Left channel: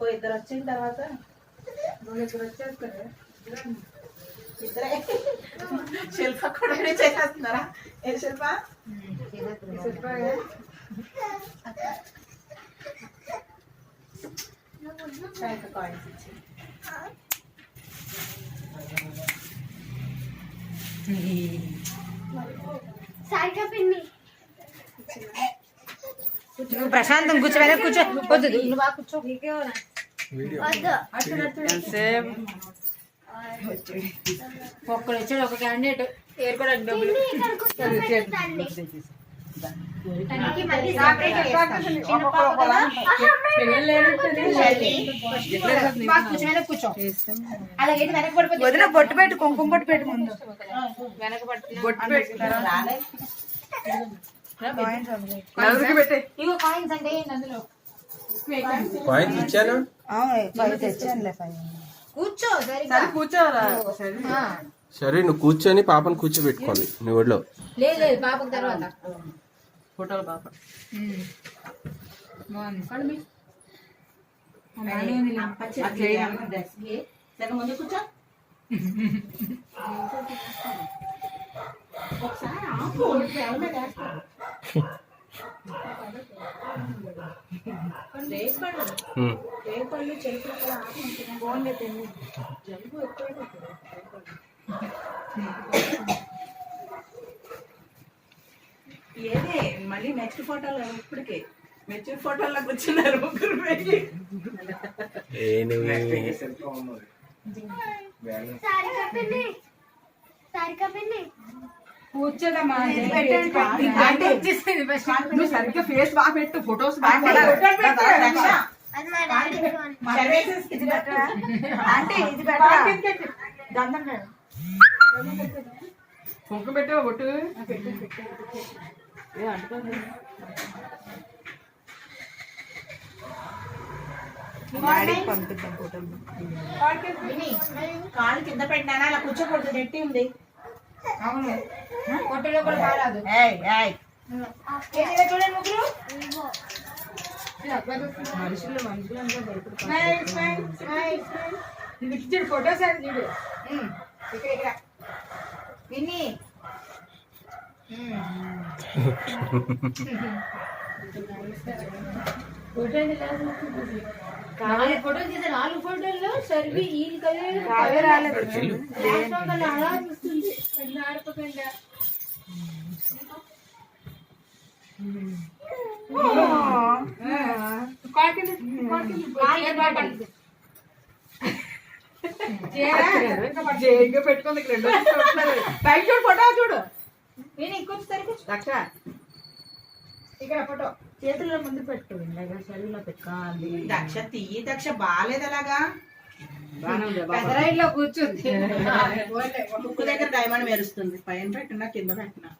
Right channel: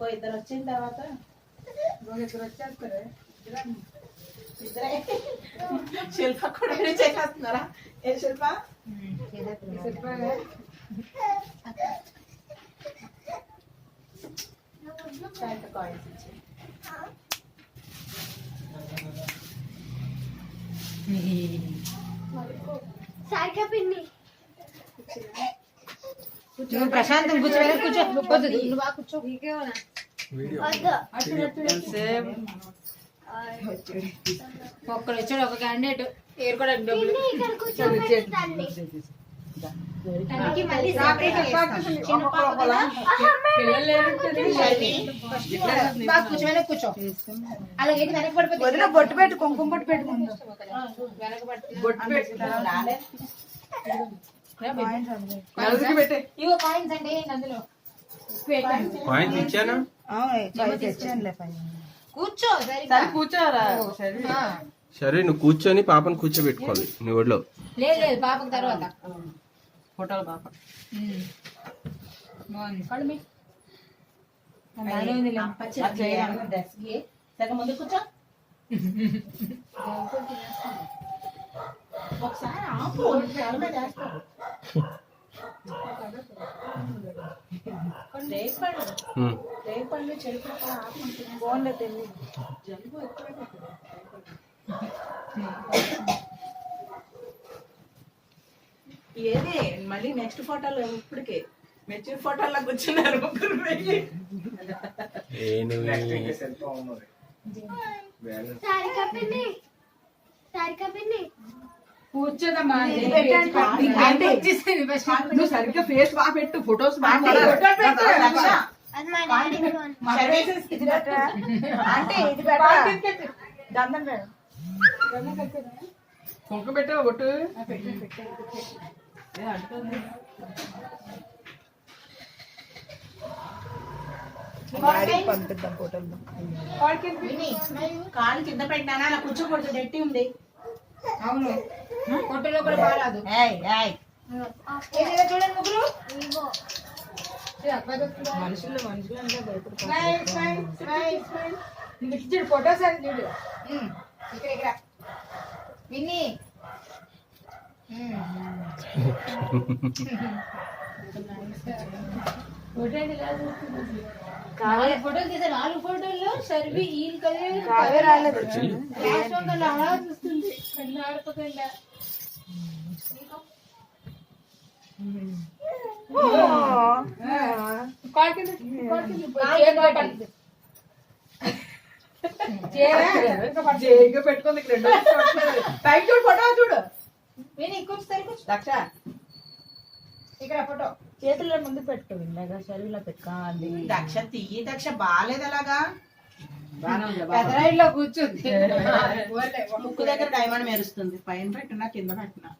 ఇంకో ఇద్దరు వచ్చిన తర్వాత ఇద్దరు వచ్చేస్తారు. ఇద్దరే శిల్ప కూడా చేసేస్తున్నారా? ఏ శిల్ప? కాయిన్స్ ఇచ్చి ప్రశాంతం కూర్చోవే, కూర్చో. నువ్వు బాగా కూర్చో. ఒక్కడు వచ్చాడు, ఒక క్యాండిడేట్ ఏరుకోవడానికి డబ్బులు. కూర్చో. అలాగే వెనక పడిపోతుంది. బొట్టు పెట్టు, కుంకుమ బొట్టు పెట్టు ముందు. వెనక బొట్టు పెట్టు. ఇగో కాయిన్స్ అంటే అందులో కాయిన్స్ ఇచ్చాను. కూర్చో. కూర్చోరా. సరే నువ్వు కూర్చొని పాపను కూర్చోబెట్టుకోవాలి నీ ఒడిలో. లేదు పాపకు తర్వాత ఫోటోలు పాప ముందు కూర్చో. ఒకసారి రేపళ్ళు చెరుకు బాగుండదు. జలుబు ఎక్కువైపోతుంది. ఏదే మళ్ళీ నెక్స్ట్ ఫోటోలో ఇప్పటికే మెచ్యూర్ ఫోటోలో కూర్చున్నారు ముగ్గురు వెళ్ళి. కూర్చోదమ్మా. నువ్వు సరిగ్గా ఫేస్ బాగా పెట్టు, ఫొటోస్ బాగా అంటే ఇది కుంకుమ పెట్టావా బొట్టు? పంపిద్దాం ఫోటోలు. కాలు కింద పెట్టానా? అలా కూర్చోకూడదు, నెట్టి ఉంది. అవును, ఫోటోలో కూడా బాగాదు. చూడండి ముగ్గురు మనుషులు అంతా భయపడుతుంది. ఫోటోస్ అని చూడు. ఇక్కడ విని ఫోటోలు తీసా. 4 ఫోటోల్లో సర్వి ఈ అలా చూస్తుంది. ఆడుకోకుండా పెట్టుకోండి. పైకి చూడు, ఫోటో చూడు. దక్ష ఇక్కడ ఫోటో చేతుల్లో ముందు పెట్టుకోండి, శరీరంలో పెట్టుకోవాలి. దక్ష తీయి. దక్ష బాగాలేదు అలాగా. పెదరాయిలో కూర్చుంది. ముక్కు దగ్గర డైమండ్ మెరుస్తుంది. పైన పెట్టినా కింద పెట్టినా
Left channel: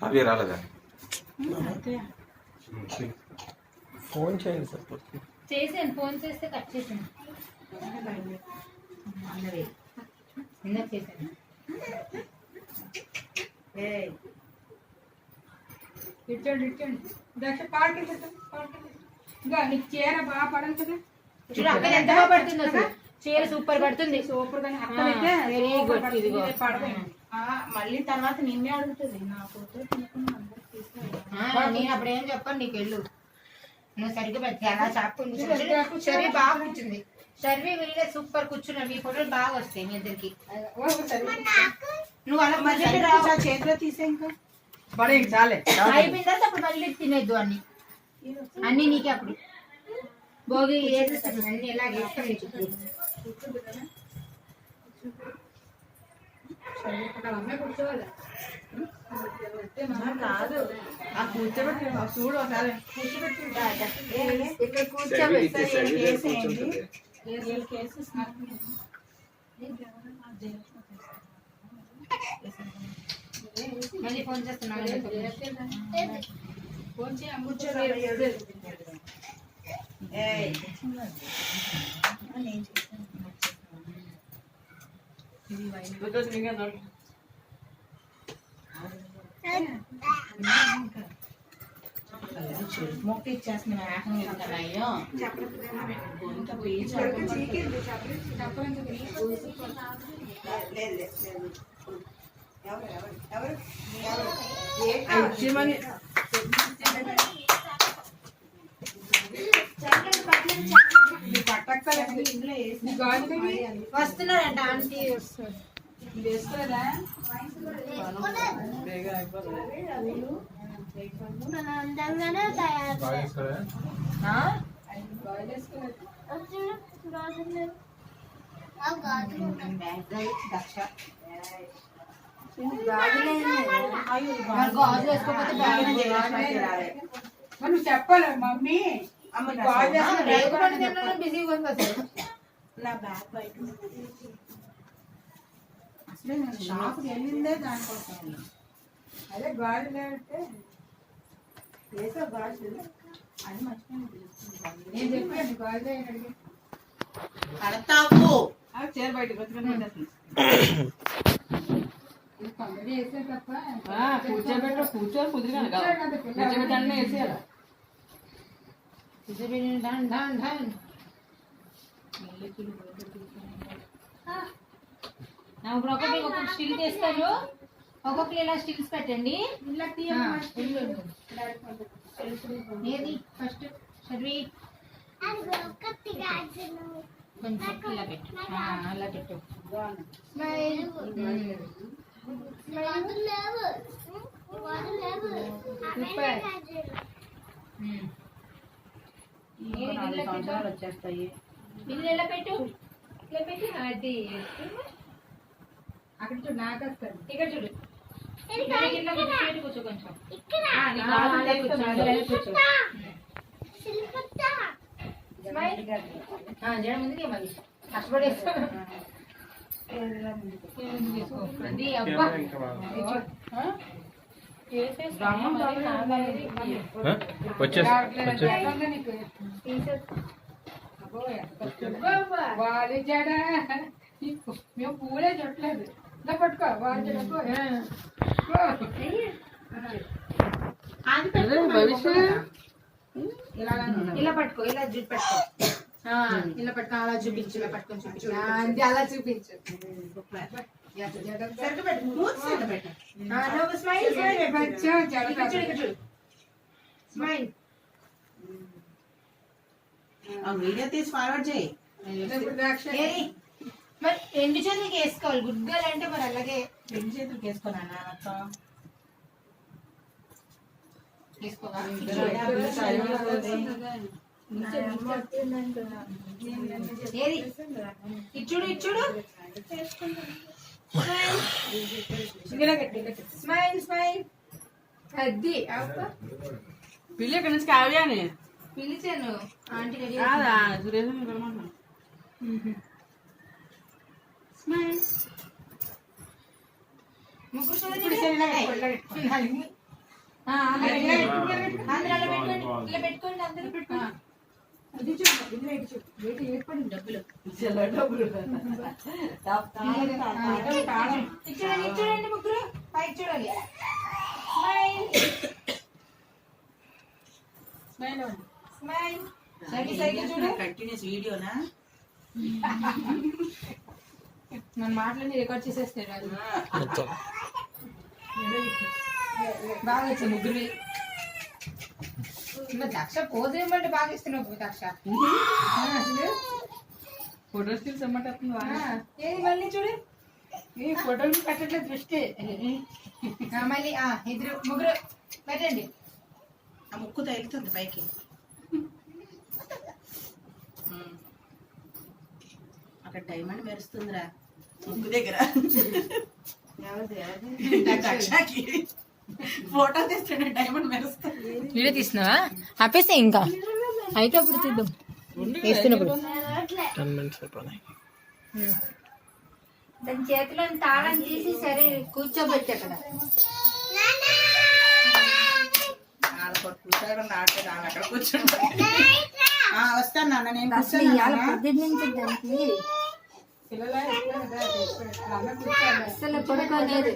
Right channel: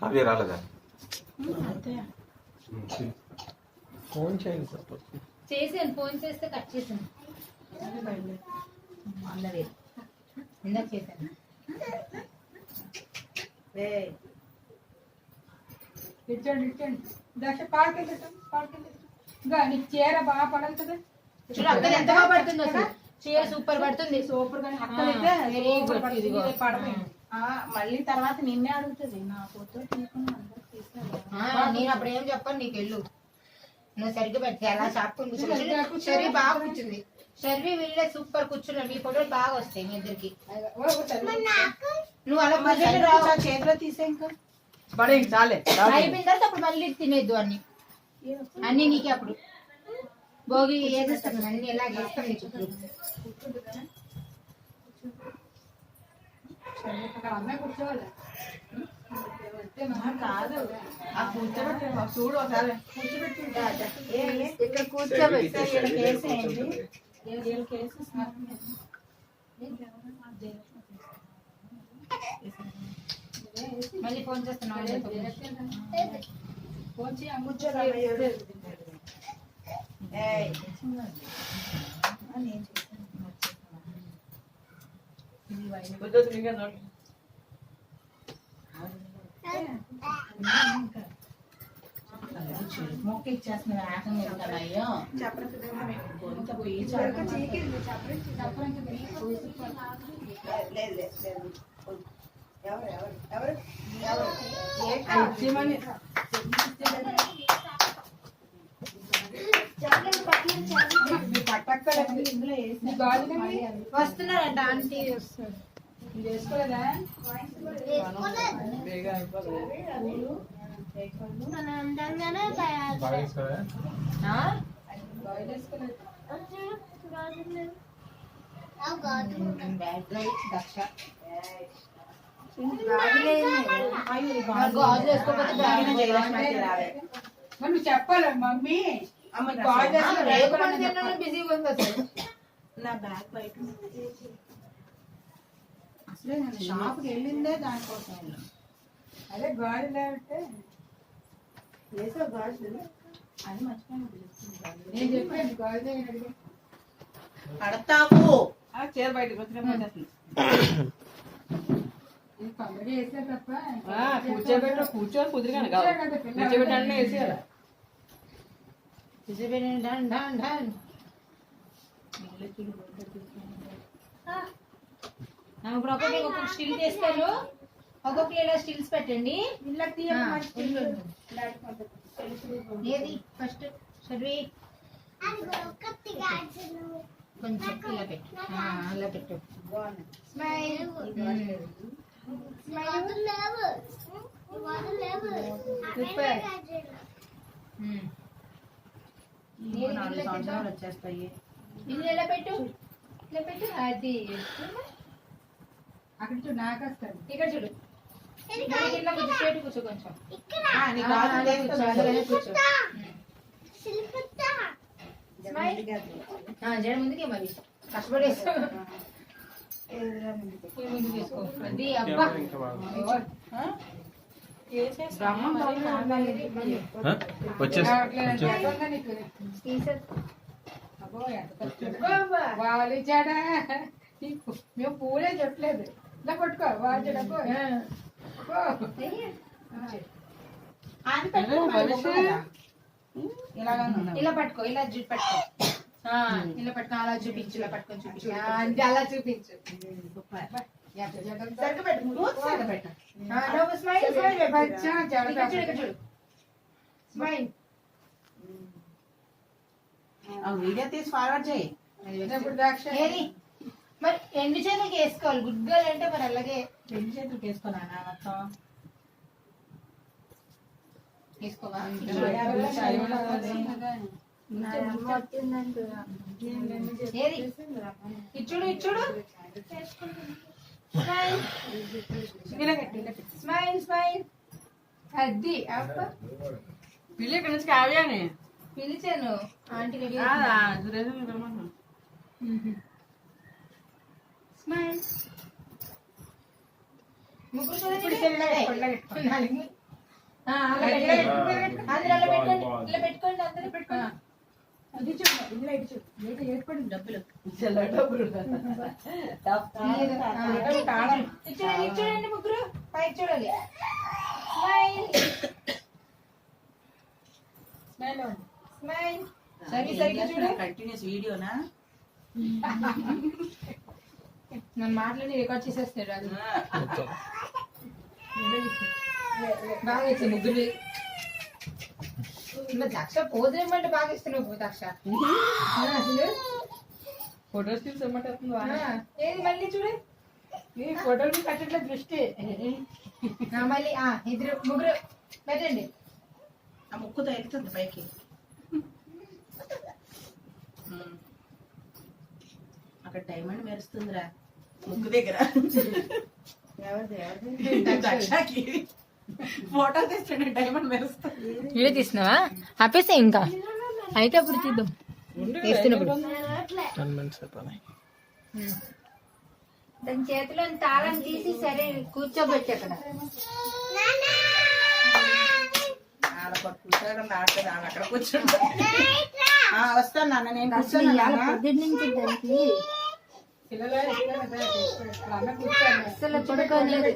కావ్య రాలేదా? ఫోన్ చేయండి సార్. చేసాను, ఫోన్ చేస్తే కట్ చేసాను. ఇందాక చేశాను. ఇచ్చండి దక్ష పార్టీ ఇంకా నీకు చీర బాగా పడాలి కదా. ఎంత బాగా పడుతుంది అసలు. చీర సూపర్ పడుతుంది. సూపర్ గానే వెరీ గుడ్. మళ్ళీ తర్వాత నిన్నే అడుగుతుంది. నా ఫోటో నేను అప్పుడు ఏం చెప్పాను, నీకు వెళ్ళు, నువ్వు సరిగ్గా పెట్టి అలా చాపుకుంది. షర్వి బాగా కూర్చుంది. షర్వి వీళ్ళే సూపర్ కూర్చున్నారు. మీ ఫోటోలు బాగా వస్తాయి మీ ఇద్దరికి. నువ్వు అలా చేతిలో తీసే ఇంకా అయిపోయిన తర్వాత అప్పుడు మళ్ళీ తినేద్దు అన్ని నీకే. అప్పుడు భోగి వేసేస్తాను అన్ని ఎలా వేస్తాను. కూర్చోవాలి కాదు, కూర్చోబెట్టి చూడు ఒకసారి. ఇక్కడ కూర్చోబెట్టి మళ్ళీ ఫోన్ చేస్తున్నాను. ఫోన్ మొక్క ఇచ్చేస్తున్నా ఆటం మీద కదా అయ్యో ఇంకా పీచు వస్తున్నారంట ఆంటీ వస్తారు. వేసుకోలేదా నువ్వు చెప్పాలి మమ్మీ బిజీగా ఉంది అసలు. నా బ్యాగ్ బయట అసలు నేను షాప్కి వెళ్ళిందే దానికోసం. అదే గాజులు అంటే వేసా గాజులు అది మర్చిపోయిన నేను చెప్పాను గాజులు అడిగి కడతావు చీర బయటకు వచ్చి కొందరు వేసే తప్ప కూర్చోబెట్టు కూర్చొని కుదిరిగాను కూర్చోబెట్టాలని వేసేయాలి. ఢన్ ఢన్ ఢన్. ఇప్పుడు ఒక్కొక్క స్టిల్ చేస్తారు. ఒక్కొక్కరు ఇలా స్టిల్స్ పెట్టండి. ఏది ఫస్ట్ చదివి కొంచెం ఇలా పెట్టు. అలా పెట్టు. స్మైల్. వచ్చేస్తాయి. ఇల్లు ఎలా పెట్టు, ఇలా పెట్టు. అది అక్కడ చూడు, నాకు వస్తాడు. ఇక్కడ చూడు, ఇట్లా కూర్చో, కూర్చో కొంచెం. కూర్చో. జడ ముందుకే మరి కష్టపడేస్తా. అది అబ్బా వాళ్ళు చెడ మేము పూలే చుట్టలేదు. ఇలా పట్టుకో వాళ్ళు చెడకో. ఇలా పట్టుకో, ఇలా జుట్టు పట్టుకో. ఇలా పట్టుకో, అలా చూపించు. ఇలా పట్టుకొని చూపించు. అలా చూపించు. వీడియో తీసి ఫార్వర్డ్ చేయి. మరి రెండు చేతులకి వేసుకోవాలి. గుడ్డలు అంటే మరి అలాగే రెండు చేతులకి వేసుకోనా తీసుకోవా. ఏది ఇచ్చుడు ఇచ్చుడు. Smile smile. అది పిల్ల నుంచి కావ్యానే పిలిచాను ఆంటీ రెడీ. స్మైల్. ముగ్గురు ఇలా పెట్టుకోండి. అందరూ పెట్టుకోండి. అది చూడు, ఇలా చూడు. ఏర్పడింది డబ్బులు. చూడండి ముగ్గురు పైకి చూడాలి. Smile smile smile. సరిగ్గా సరిగ్గా చూడు. కంటిన్యూస్ వీడియోనా నన్ను మాటలని రికార్డ్ చేసేస్తాడు. అది బాగా వచ్చింది ముగ్గురు. దక్ష పోజ్ ఏమంటే బాగా ఇస్తున్నావు దక్ష. అసలు ఫోటోస్ తీసుకోమంటుందా? ఏది మళ్ళీ చూడు. ఈ ఫోటోలు కట్టట్లేదు దృష్టి. మళ్ళీ ఇద్దరు ముగ్గురు పెట్టండి. ఆ ముక్కు తగ్గుతుంది పైకి. అక్కడ డైమండ్ మెరుస్తుందిరా ముక్కు దగ్గర. ఫోటో తీస్తుండే డైమండ్ మెరుస్తుంది. వీడియో తీస్తున్నావా? ఆపేసే ఇంకా అయితే అప్పుడు తీద్దాం. వేస్తున్నప్పుడు దాని చేతిలో తాళం తీసి సరే కూర్చోబెట్టి అక్కడ అక్కడ కూర్చుంటా. వస్తాను నాన్న నేను. పొద్దున్న నుంచి దానికి పిల్లలు అసలు పడుకోలేదు.